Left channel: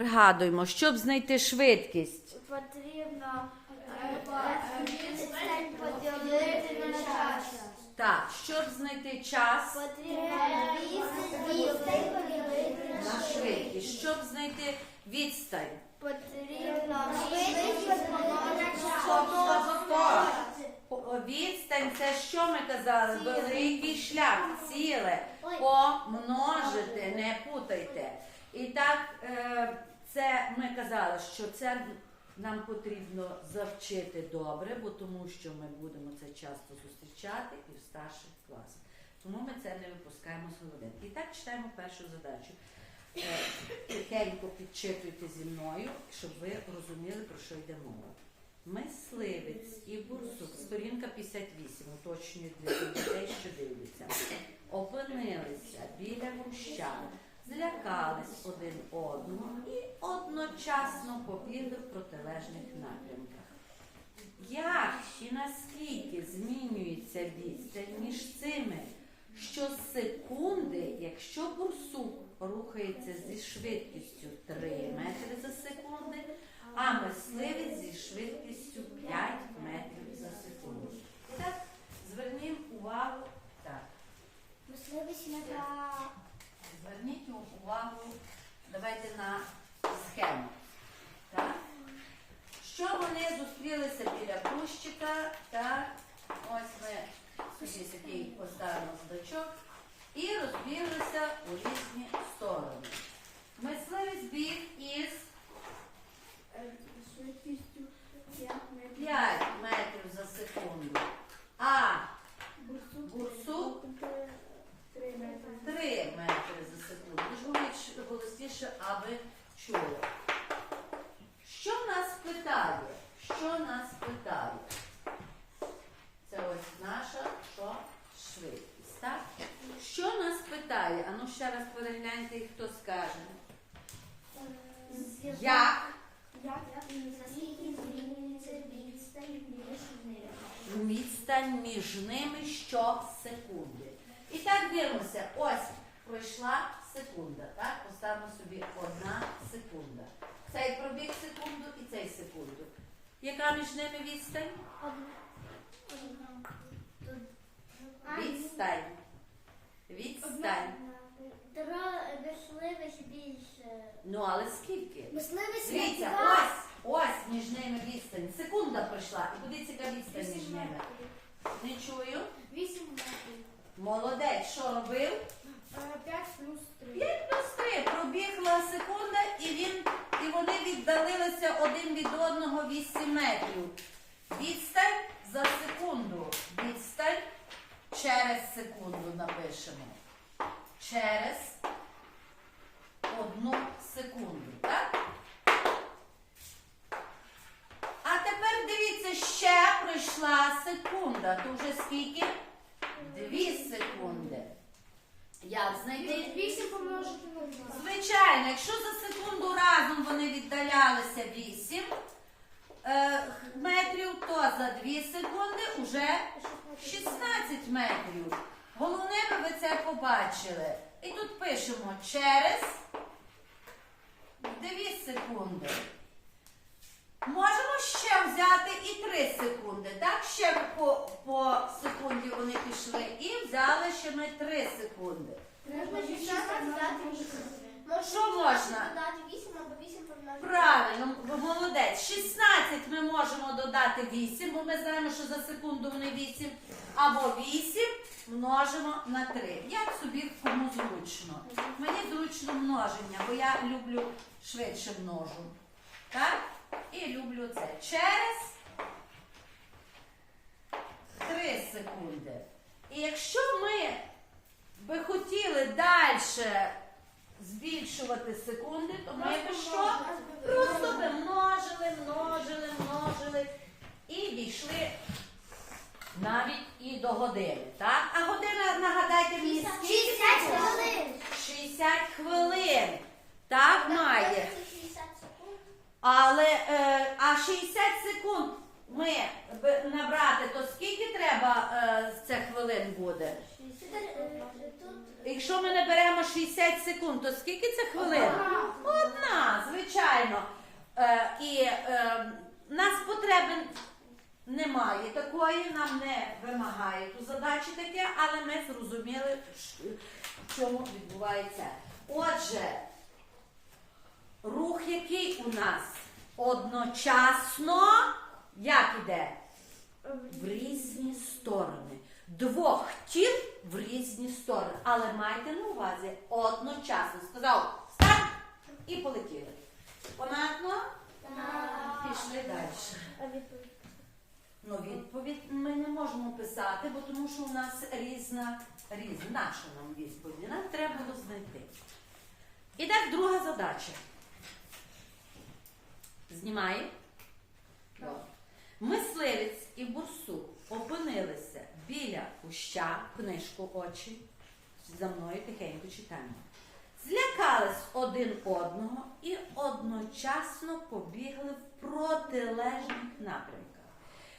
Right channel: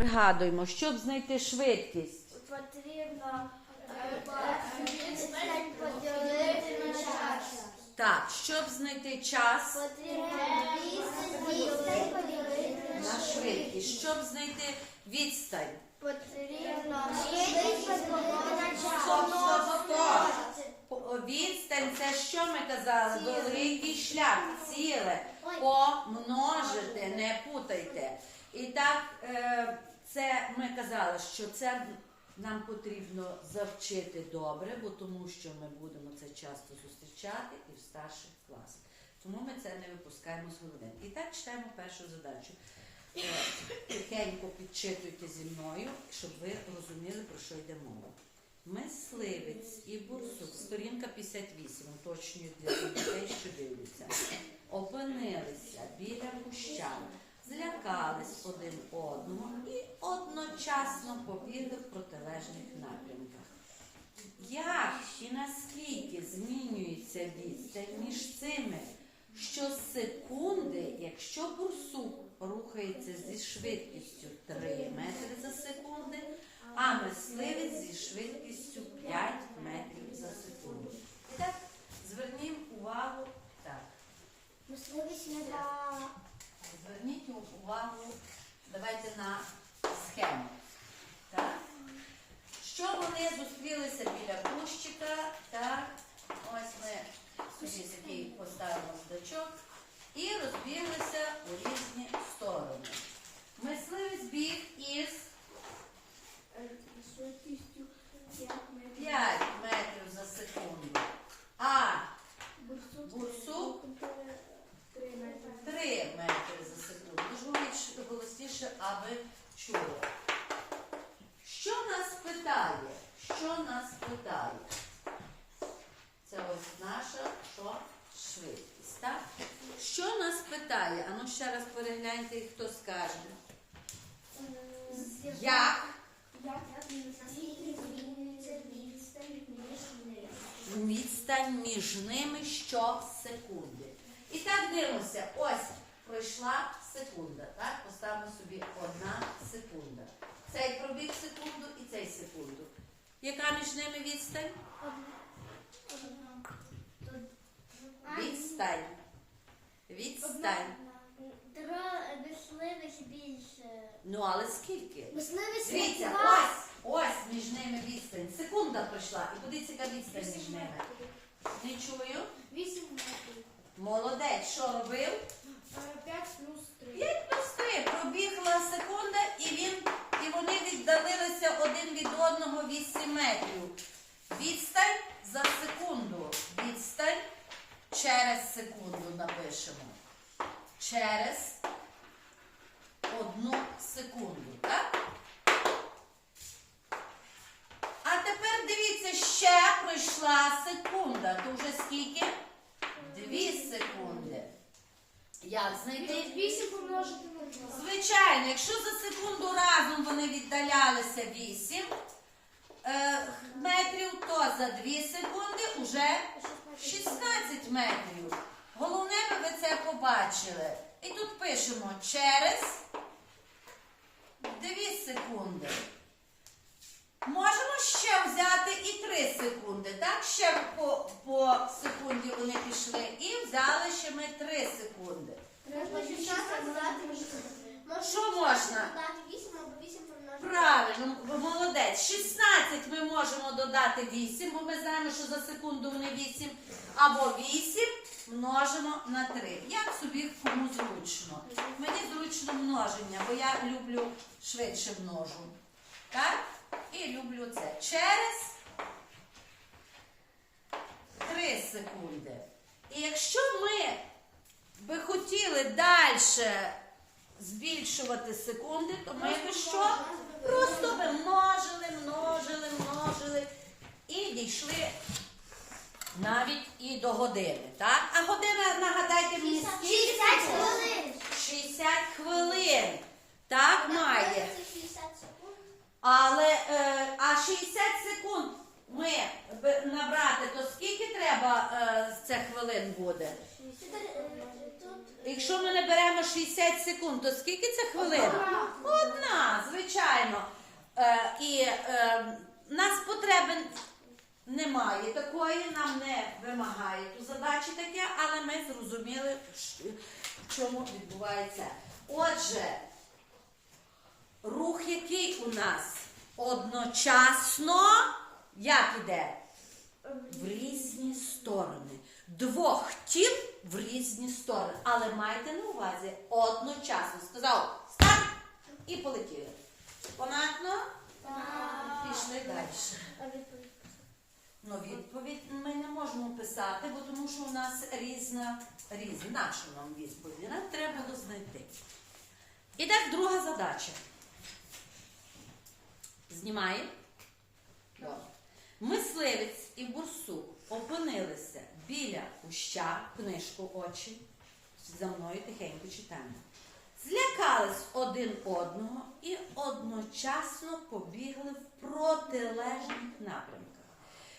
пригадуємо, щоб знайти швидкість. Потрібно поділити на час. Так, щоб знайти час Потрібно поділити на швидкість, щоб знайти відстань. Потрібно швидкість на час. Відстань це що ми казали? Великий шлях, ціле. Помножити, не путайте. І так, е, це ми казали, що це нам потрібно завчити добре, бо тому що ми будемо це часто зустрічати і в старших класах. Тому ми це не випускаємо з голови. І так читаємо першу задачу. Е, Тихенько підчитуйте зі мною, щоб ви розуміли, про що йде мова. Мисливець і бурсук, сторінка 58, уточнюю для дітей, що дивляться, опинилися біля гущан, злякались один одного і одночасно побігли в протилежних напрямках. Як і наскільки змінюється відстань між цими щосекунди, якщо бурсук рухається зі швидкістю 3 метри за секунди, а мисливець зі швидкістю 5 метрів за секунду. І так, звернімо увагу. Так, Мисливець зверніть увагу, давайте на схему. Так? Що вони зустрілися біля кущика, так, ось ми собі такий поставимо здачок і розбіглися у різні сторони. Мисливець біг із швидкістю 5 метрів. 5 метрів за секунду, а Бурсук бурсук 3 метри. 3 метри за секунду. Ж говоріть голосніше, аби чуло. Що нас питає? Що нас питає? Це ось наша що? швидкість. Так? Що нас питає? Ану ще раз і хто скаже. Як Як відстань між ними? ними щосекунди. І так дивимося. Ось пройшла секунда. Так? Поставимо собі одна секунда. Цей пробіг секунду і цей секунду. Яка між ними відстань? Відстань. Відстань. Мисливець більше. Ну, але скільки? Мисливець Дивіться, ось, ось між ними відстань. Секунда пройшла. І куди яка відстань між ними? Не чую. 8 метрів. Молодець, що робив? 5 плюс 3. 5 плюс 3. Пробігла секунда, і він, і вони віддалилися один від одного 8 метрів. Відстань за секунду. Відстань через секунду напишемо. Через одну секунду, так? А тепер дивіться, ще пройшла секунда. То вже скільки? Дві секунди. Як знайти? 8 помножити на 2. Звичайно, якщо за секунду разом вони віддалялися 8 е, метрів, то за 2 секунди вже 16 метрів. Головне, би ви це побачили. І тут пишемо через 2 секунди. Можемо ще взяти і 3 секунди. Так, ще по, по секунді вони пішли. І взяли ще ми 3 секунди. Можна 16 додати 8. Що можна? Правильно, молодець. 16 ми можемо додати 8, бо ми знаємо, що за секунду вони 8. Або 8 множимо на 3. Як собі кому зручно. Мені зручно множення, бо я люблю швидше множу. Так? І люблю це. Через 3 секунди. І якщо ми би хотіли далі збільшувати секунди, то ми би що? Просто би множили, множили, множили і дійшли навіть і до години. Так? А година, нагадайте мені, скільки 60 хвилин. 60 хвилин. Так має. Але е, а 60 секунд ми набрати, то скільки треба е, цих хвилин буде? Тут Якщо ми не беремо 60 секунд, то скільки це хвилин? Одна, звичайно. Е, і е, нас потреби немає такої, нам не вимагає ту задачі таке, але ми зрозуміли, в чому відбувається. Отже, рух, який у нас одночасно, як іде? В різні сторони. Двох тіл в різні сторони. Але майте на увазі одночасно. Сказав старт і полетіли. Понятно? Пішли далі. Ну, відповідь ми не можемо писати, бо тому що у нас різна, різна наша нам відповідь. Нам треба було знайти. І так друга задача. Знімає? Добре. Мисливець і бурсук опинилися біля куща, книжку очі. За мною тихенько читаємо. Злякались один одного і одночасно побігли в протилежних напрямках.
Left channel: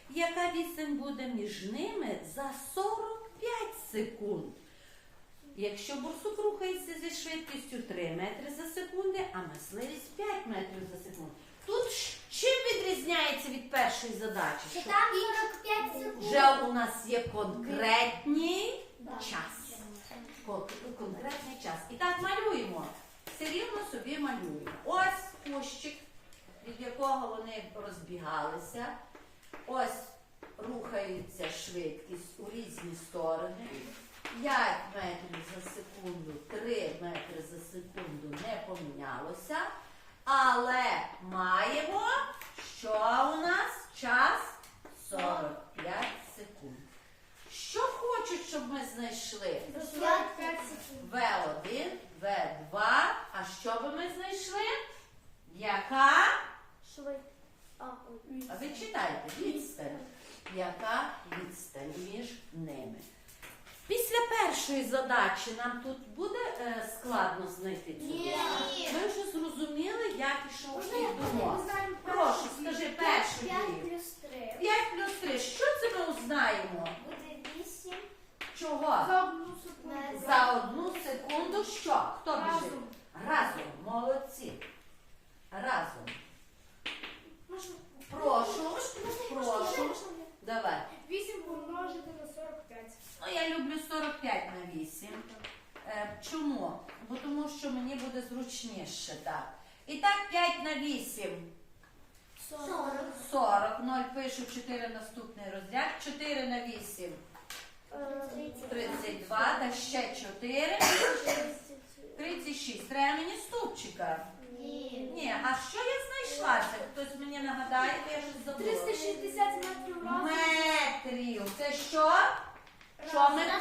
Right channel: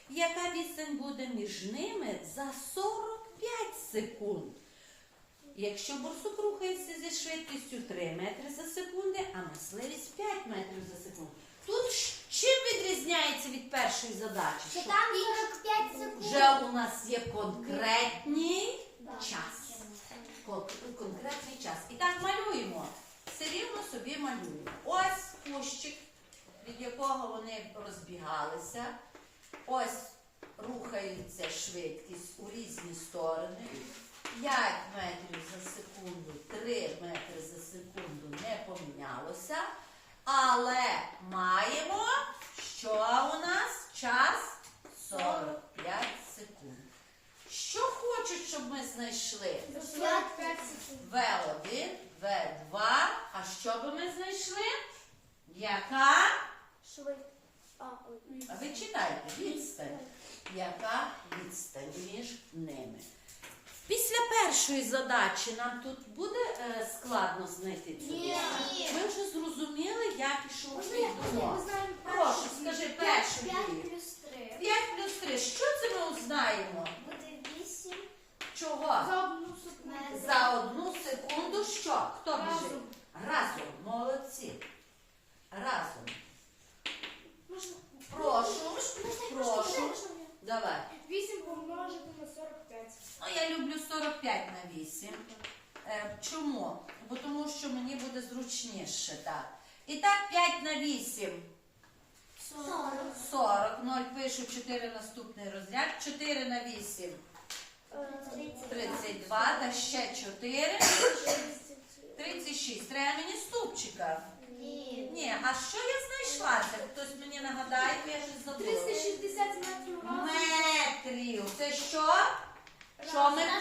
Яка відстань буде між ними за 45 секунд? Якщо борсук рухається зі швидкістю 3 метри за секунду, а мисливець 5 метрів за секунду. Тут чим відрізняється від першої задачі? Що там 45 секунд. вже у нас є конкретний час. Кон- Конкретний час. І так малюємо. Все рівно собі малюємо. Ось кущик, від якого вони розбігалися. Ось рухається швидкість у різні сторони. 5 метрів за секунду, 3 метри за секунду не помінялося. Але маємо, що у нас час 45 секунд. Що хочуть, щоб ми знайшли? 45 секунд. В1, В2. А що би ми знайшли? Яка? Швид. А ви читайте, відстань. Яка відстань між ними? Після першої задачі нам тут буде е, складно знайти цю Ні. Ми вже зрозуміли, як я думок. не знаю Прошу, скажи перший 5 дій. плюс 3. 5 плюс 3. Що це ми узнаємо? Буде 8. Чого? За одну секунду. За одну секунду що? Хто біжить? Разом. Разом. Молодці. Разом. Прошу. Прошу. Давай. 8 помножити на 45. Ну, я люблю 45 на 8. Е, чому? Бо тому що мені буде зручніше так. І так 5 на 8. 40. 40. 0 пишу 4 наступний розряд. 4 на 8. 32. Та ще 4. 36. Треба мені ступчика. Ні. А що я знайшла? Це Хтось мені нагадає, бо я щось забула. 360 метрів. Метрів. Це що? Що ми? На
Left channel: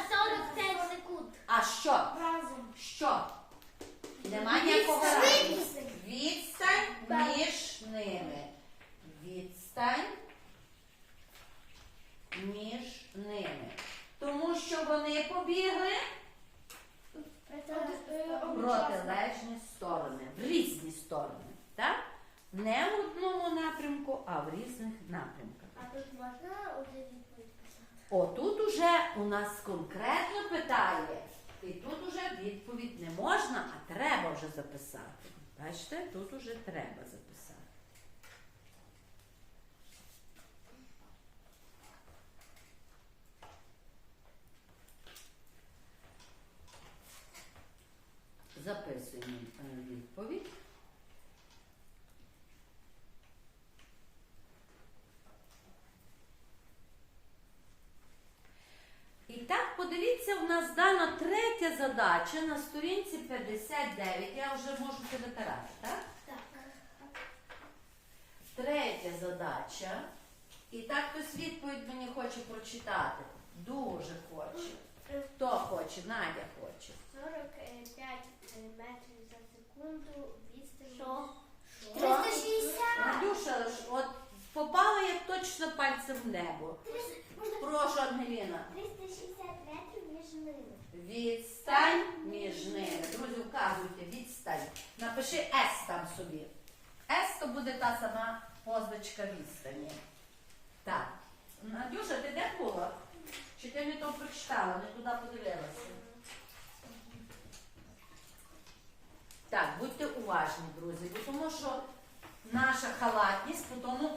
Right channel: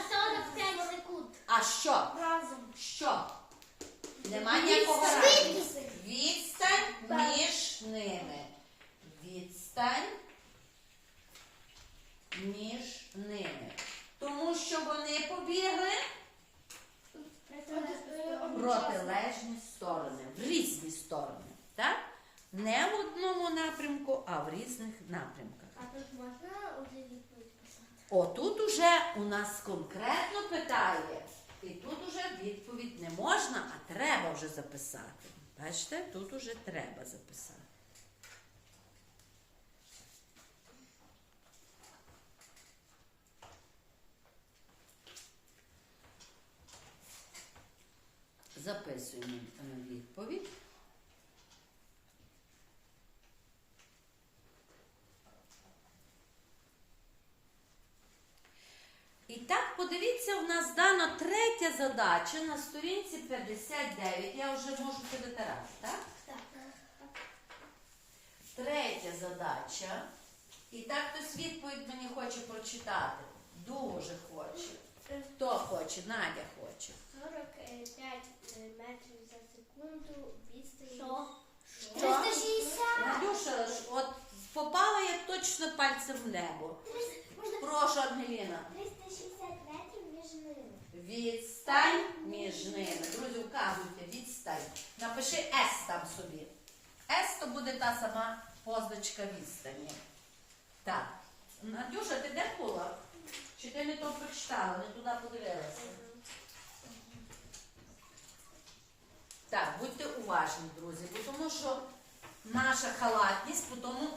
45 секунд. А що? Разом. Що? Нема ніякого разу. Відстань між ними. Відстань між ними. Тому що вони побігли протилежні сторони, в різні сторони. Так? Не в одному напрямку, а в різних напрямках. А тут можна уже відповідь писати? Отут уже у нас конкретно питає, і тут уже відповідь не можна, а треба вже записати. Бачите, тут уже треба записати. Записуємо е, відповідь. І так, подивіться, у нас дана третя задача на сторінці 59. Я вже можу витирати, так? Так. Третя задача. І так хтось відповідь мені хоче прочитати. Дуже хоче. Хто хоче? Надя хоче. 45 метрів за секунду відстань. Що? Що? 360. Надюша, от попала я точно пальцем в небо. Прошу, Ангеліна. 360 метрів між ними. Відстань між ними. Друзі, вказуйте, відстань. Напиши С там собі. С то буде та сама позначка відстані. Так. Надюша, ти де була? Чи ти не то прочитала, не туди подивилася? Так, будьте уважні, друзі, бо тому що наша халатність потім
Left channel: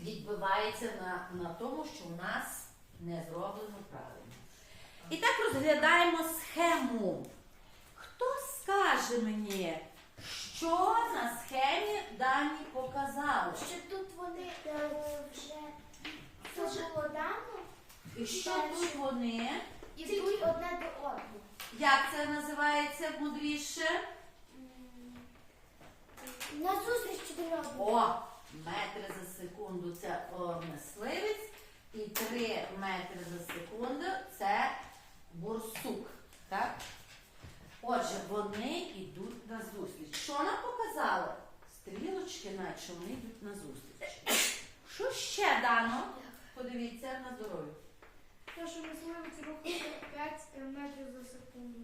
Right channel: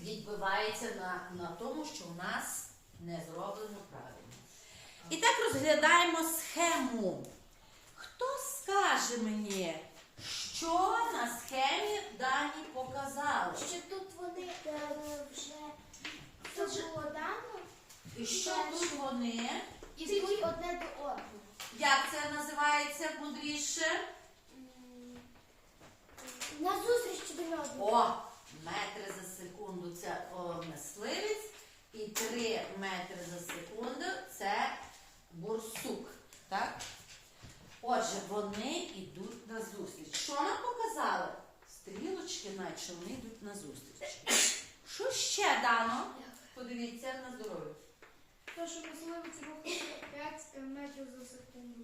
відбивається на, на тому, що в нас не зроблено правильно. І так розглядаємо схему. Хто скаже мені, що на схемі дані показали? Що тут вони е, вже це було дано, І що тут вони? ідуть одне до одного. Як це називається мудріше? М, На зустріч один одному. О, метри за секунду це о, мисливець, і 3 метри за секунду це бурсук. Так? Отже, вони йдуть на зустріч. Що нам показали? Стрілочки, наче вони йдуть на зустріч. Що ще дано? Подивіться на здоров'я. То, що мисливець рухає 45 метрів за секунду.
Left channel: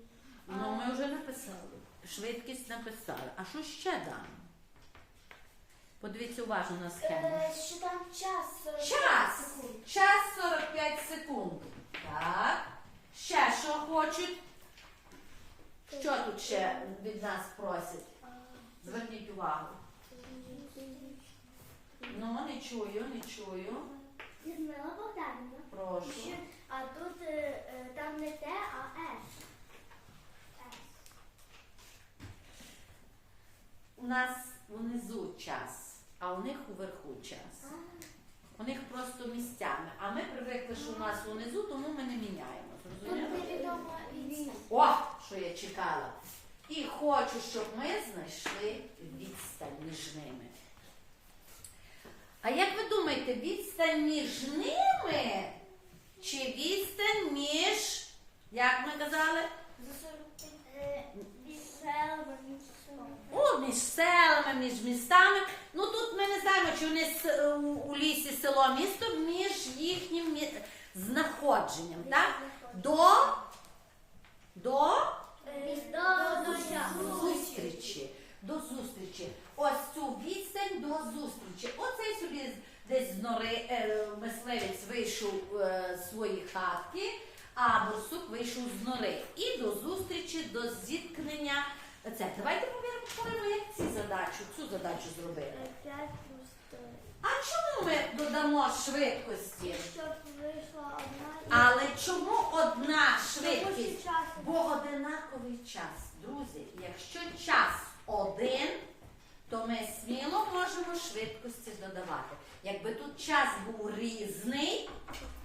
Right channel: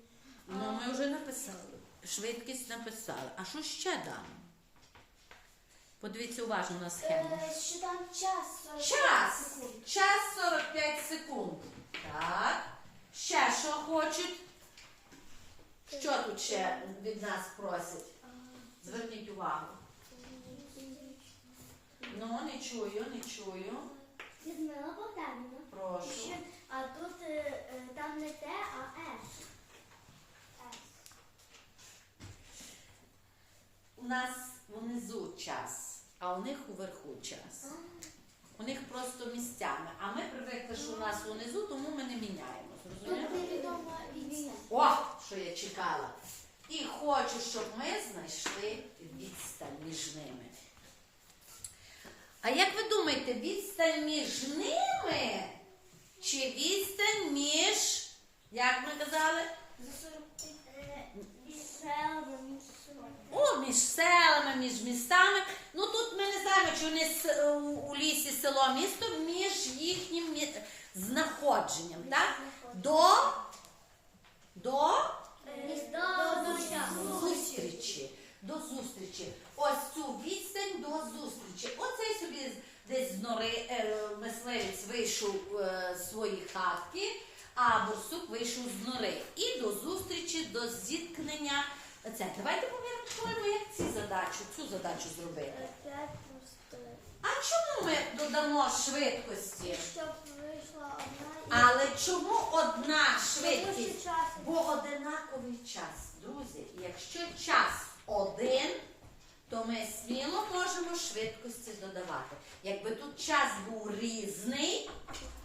Ну, ми вже написали. Швидкість написали. А що ще дано? Подивіться уважно на схему. Е, Що там час 45 Час. секунд. Час 45 секунд. Так. Ще що хочуть? Що тут ще від нас просять? Зверніть увагу. Ну, не чую, не чую. Людмила Богданівна. Прошу. А тут е, е, там не Т, а С. У нас внизу час, а у них уверху час. У них просто місцями. А ми привикли, що у нас унизу, тому ми не міняємо. Зрозуміло? Невідома відстань. О, що я чекала. І хочу, щоб ми знайшли відстань між ними. А як ви думаєте, відстань між ними чи відстань між, як ми казали? За 45 е, між селами, між селами. О, між селами, між містами. Ну тут ми не знаємо, чи вони у, у лісі село місто між їхнім мі- знаходженням. Так? До, до Е, До до зустрічі. До зустрічі. Ось цю відстань до зустрічі. Оцей собі десь з нори е, мисливець вийшов е, з свої хатки, а борсук вийшов з нори. І до зустрічі, до зіткнення. Це давайте поміркуємо, як ці задачу, цю задачу зробити. 5 плюс 3. А чому ми додамо швидкості? Щоб вийшла одна і... Але чому одна швидкість? Бо одинаковий час, друзі. Якщо час один, то ми сміло можемо швидкості додавати. Якби тут час був різний,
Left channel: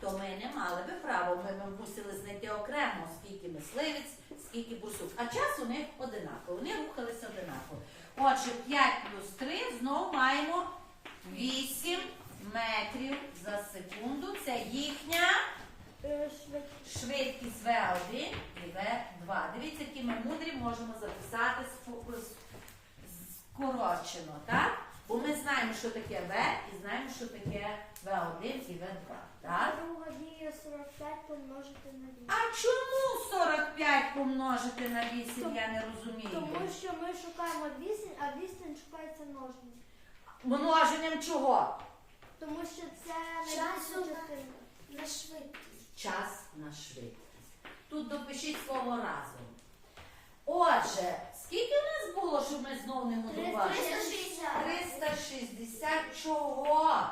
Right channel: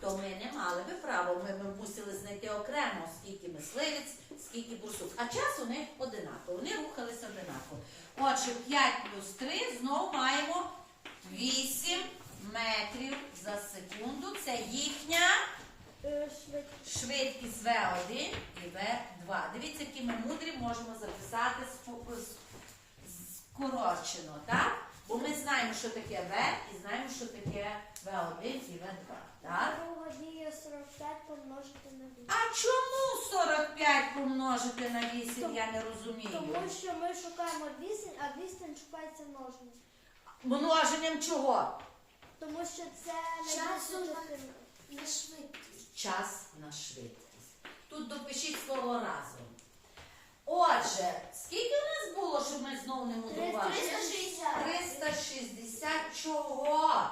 то ми не мали би права. Ми, ми мусили знайти окремо, скільки мисливець, скільки бурсук. А час у них одинаковий. Вони рухалися одинаково. Отже, 5 плюс 3 знову маємо 8 метрів за секунду. Це їхня. швидкість. Швидкість В1 і В2. Дивіться, які ми мудрі можемо записати с- скорочено, так? Бо ми знаємо, що таке В і знаємо, що таке В1 і В2. Так? Друга дія 45 помножити на 8. А чому 45 помножити на 8, я не розумію. Тому що ми шукаємо відстань, а відстань шукається множення. Множенням чого? Тому що це Часу частина. на швидкість. Час на швидкість. Тут допишіть слово разом. Отже, скільки у нас було, щоб ми знову не мудрували? 360. 360 чого?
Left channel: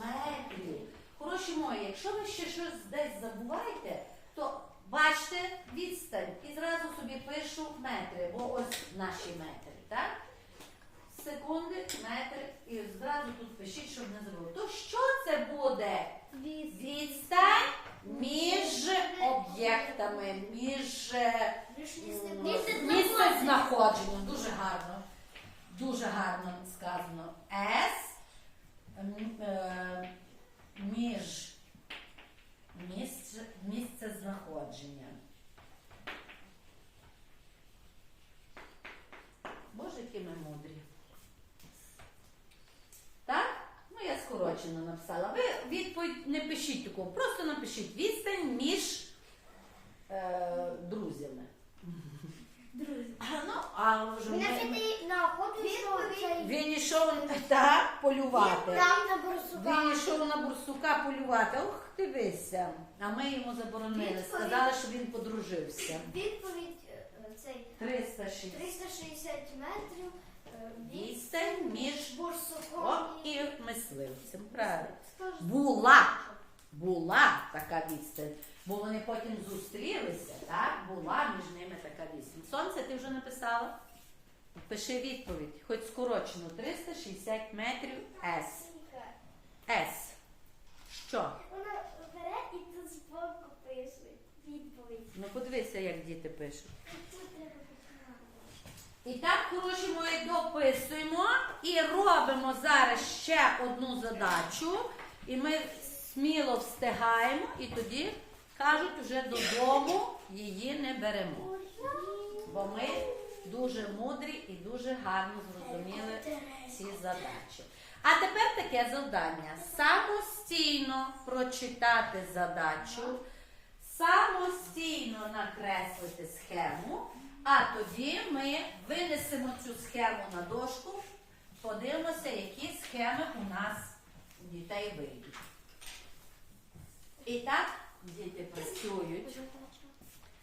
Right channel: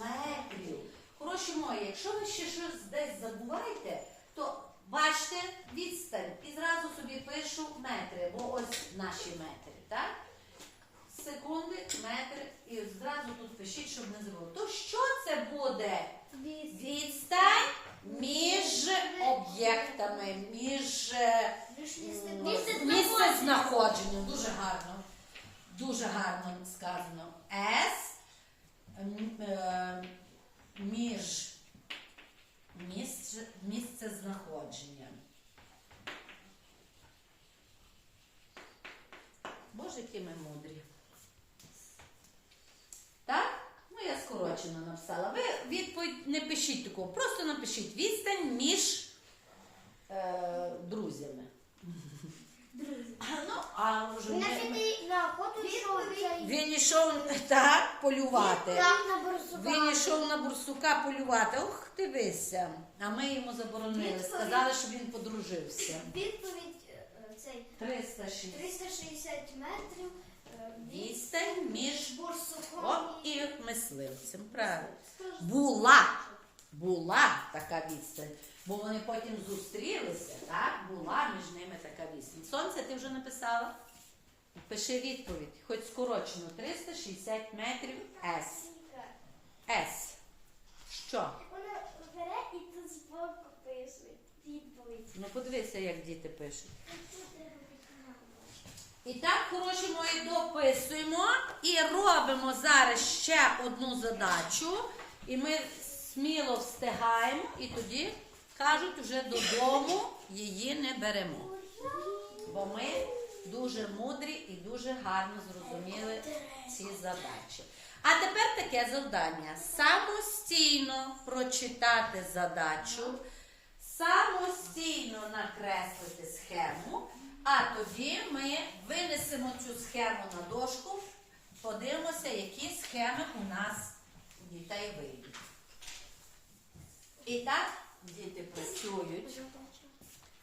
Метрів. Хороші мої, якщо ви ще щось десь забуваєте, то бачите відстань і зразу собі пишу метри, бо ось наші метри, так? Секунди, метри, і зразу тут пишіть, щоб не забули. То що це буде? Відстань між об'єктами, між місце знаходження. Дуже гарно. Дуже гарно сказано. С е, між місце, місце знаходження. Боже, які ми мудрі. Так? Я скорочено написала. Ви відповідь не пишіть такого, просто напишіть відстань між е, друзями. А, ну, а вже Він ми- на на охоту йшов він йшов так полювати. Там на борсука. Він йшов на бурсука полювати. Ох, дивися. А ми йому заборонили. Відповідь. Сказали, що він подружився. Відповідь е, цей 306. 360 метрів. Відстань і мисливцем. Правильно. Була. Була така відстань. Бо вони потім зустрілися, так? Була між ними така відстань. Сонце, ти вже написала? Пиши відповідь, хоч скорочено 360 метрів С. С. Що? Вона бере і тут збоку пише відповідь. Ну подивися, як діти пишуть. І так, хороші мої, дописуємо і робимо зараз ще одну задачу. І ми сміло встигаємо, і тоді кажуть, вже додому її не беремо. Бо ми дуже мудрі і дуже гарно зрозуміли ці задачі. А тепер таке завдання: самостійно прочитати задачу, самостійно накреслити схему, а тоді ми винесемо цю схему на дошку, подивимося, які схеми у нас у дітей вийдуть. І так, діти працюють.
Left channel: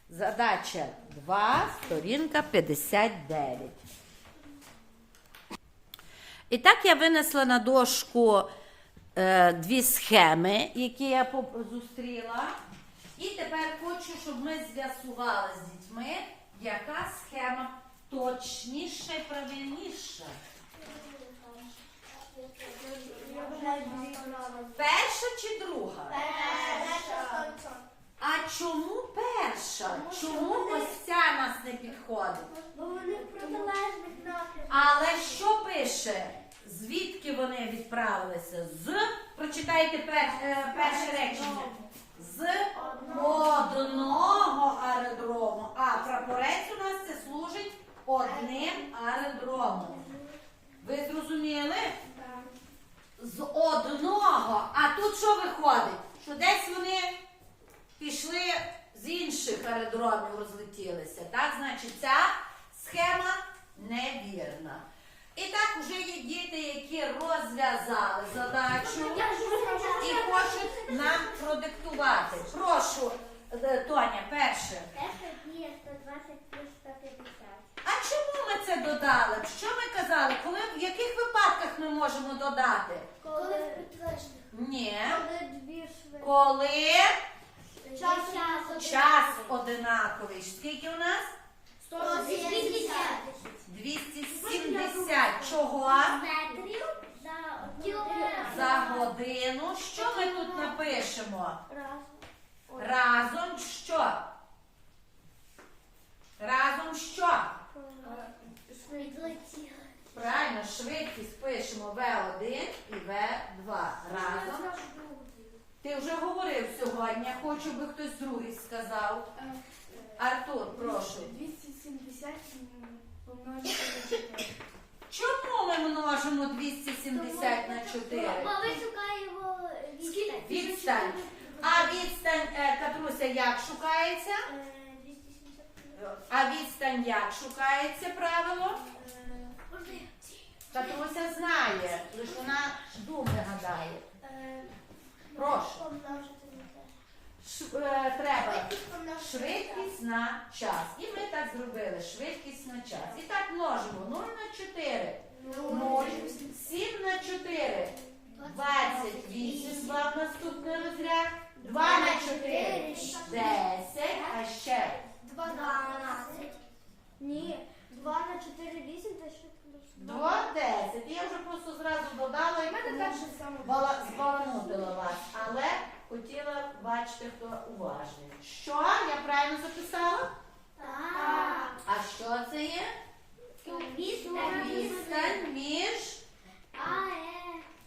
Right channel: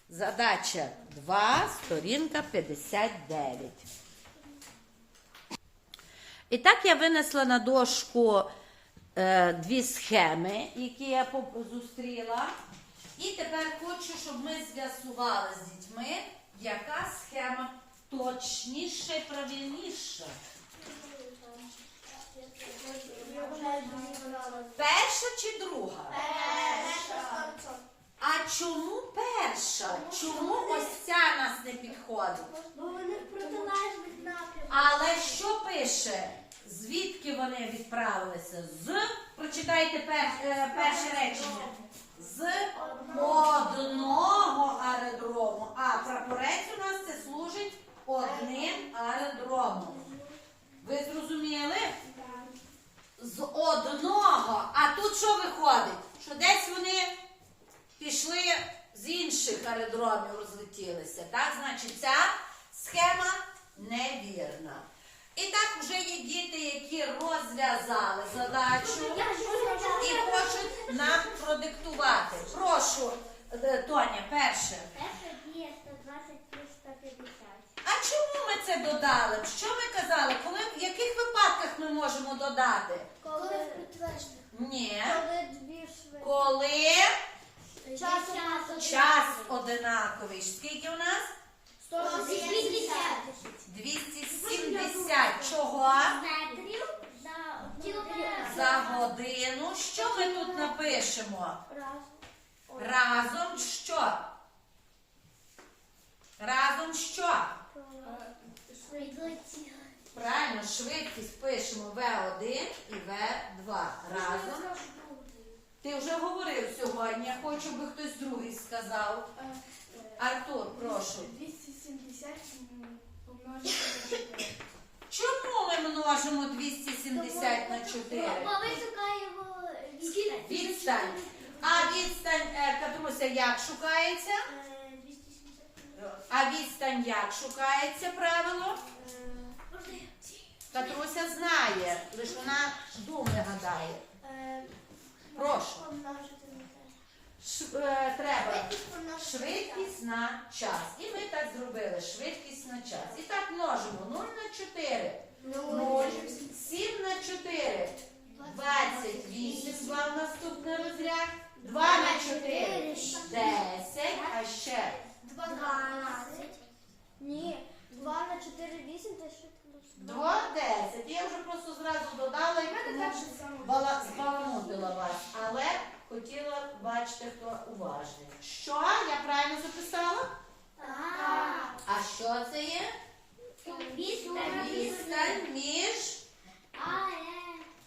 Задача 2, сторінка 59. І так я винесла на дошку е, дві схеми, які я зустріла. І тепер хочу, щоб ми з'ясували з дітьми, яка схема точніша і правильніша. Перша чи друга? А чому перша? Чому ось ця нас не підходить? Бо вони в протилежних напрямках. Але що пише? Звідки вони відправилися? З прочитайте е, перше речення. З одного аеродрому. А прапорець у нас це служить одним аеродромом. Ви зрозуміли? З одного. А тут що виходить? Що десь вони пішли з інших аеродромів, розлетілися. Так, значить, ця схема невірна. І так вже є діти, розв'язали задачу і хочуть нам продиктувати. Прошу, е, Тоня, перше. Перша дія 120 плюс 150. А чому ми це додали? Що ми казали? Коли в яких випадках ми можемо додати? Коли Ні. коли дві швидкі. Коли Час час одинаковий. Скільки у нас? 180 270. Чого? метрів за годину. Що ми тут напишемо? Раз. Разом що? Разом що? Правильно, швидкість пишемо В1 і В2. Разом. Ти вже говорив сьогодні, я хочу, би хтось другий сказав. Артур, прошу. 270 помножити на 4. Чому ми множимо 270 на 4? Бо ми шукаємо відстань. Відстань. А відстань, е, Катруся, як шукається? Е, 270. А відстань як шукається правило? Е, можна я? Катруся знає, лише вона думи гадає. Е, Прошу. Помножити на те. Ш, е, треба Швидкість на швидкість на час. І ми так зробили. Швидкість на час. І так множимо 0 на 4. 0, 7 на 4. 28 склав наступний розряд. 2 на 4. 10. А ще 12. Ні. 2 на 4 8, та що 2, 10. Я вже просто зразу додала і тому бала- збаламутила вас. Але хотіла бачити, хто уважний. Що? Я правильно записала? Так. А що це є? Відстань. Між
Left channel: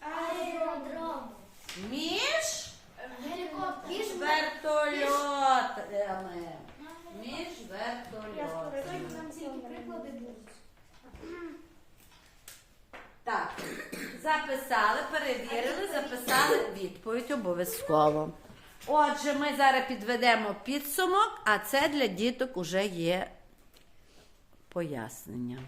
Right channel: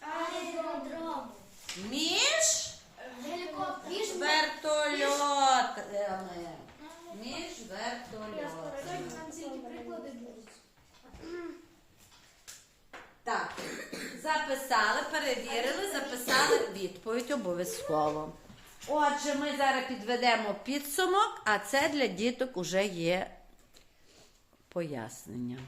Аеродром. між вертольотами. Між вертольотами. Так, записали, перевірили, записали відповідь обов'язково. Отже, ми зараз підведемо підсумок, а це для діток уже є пояснення.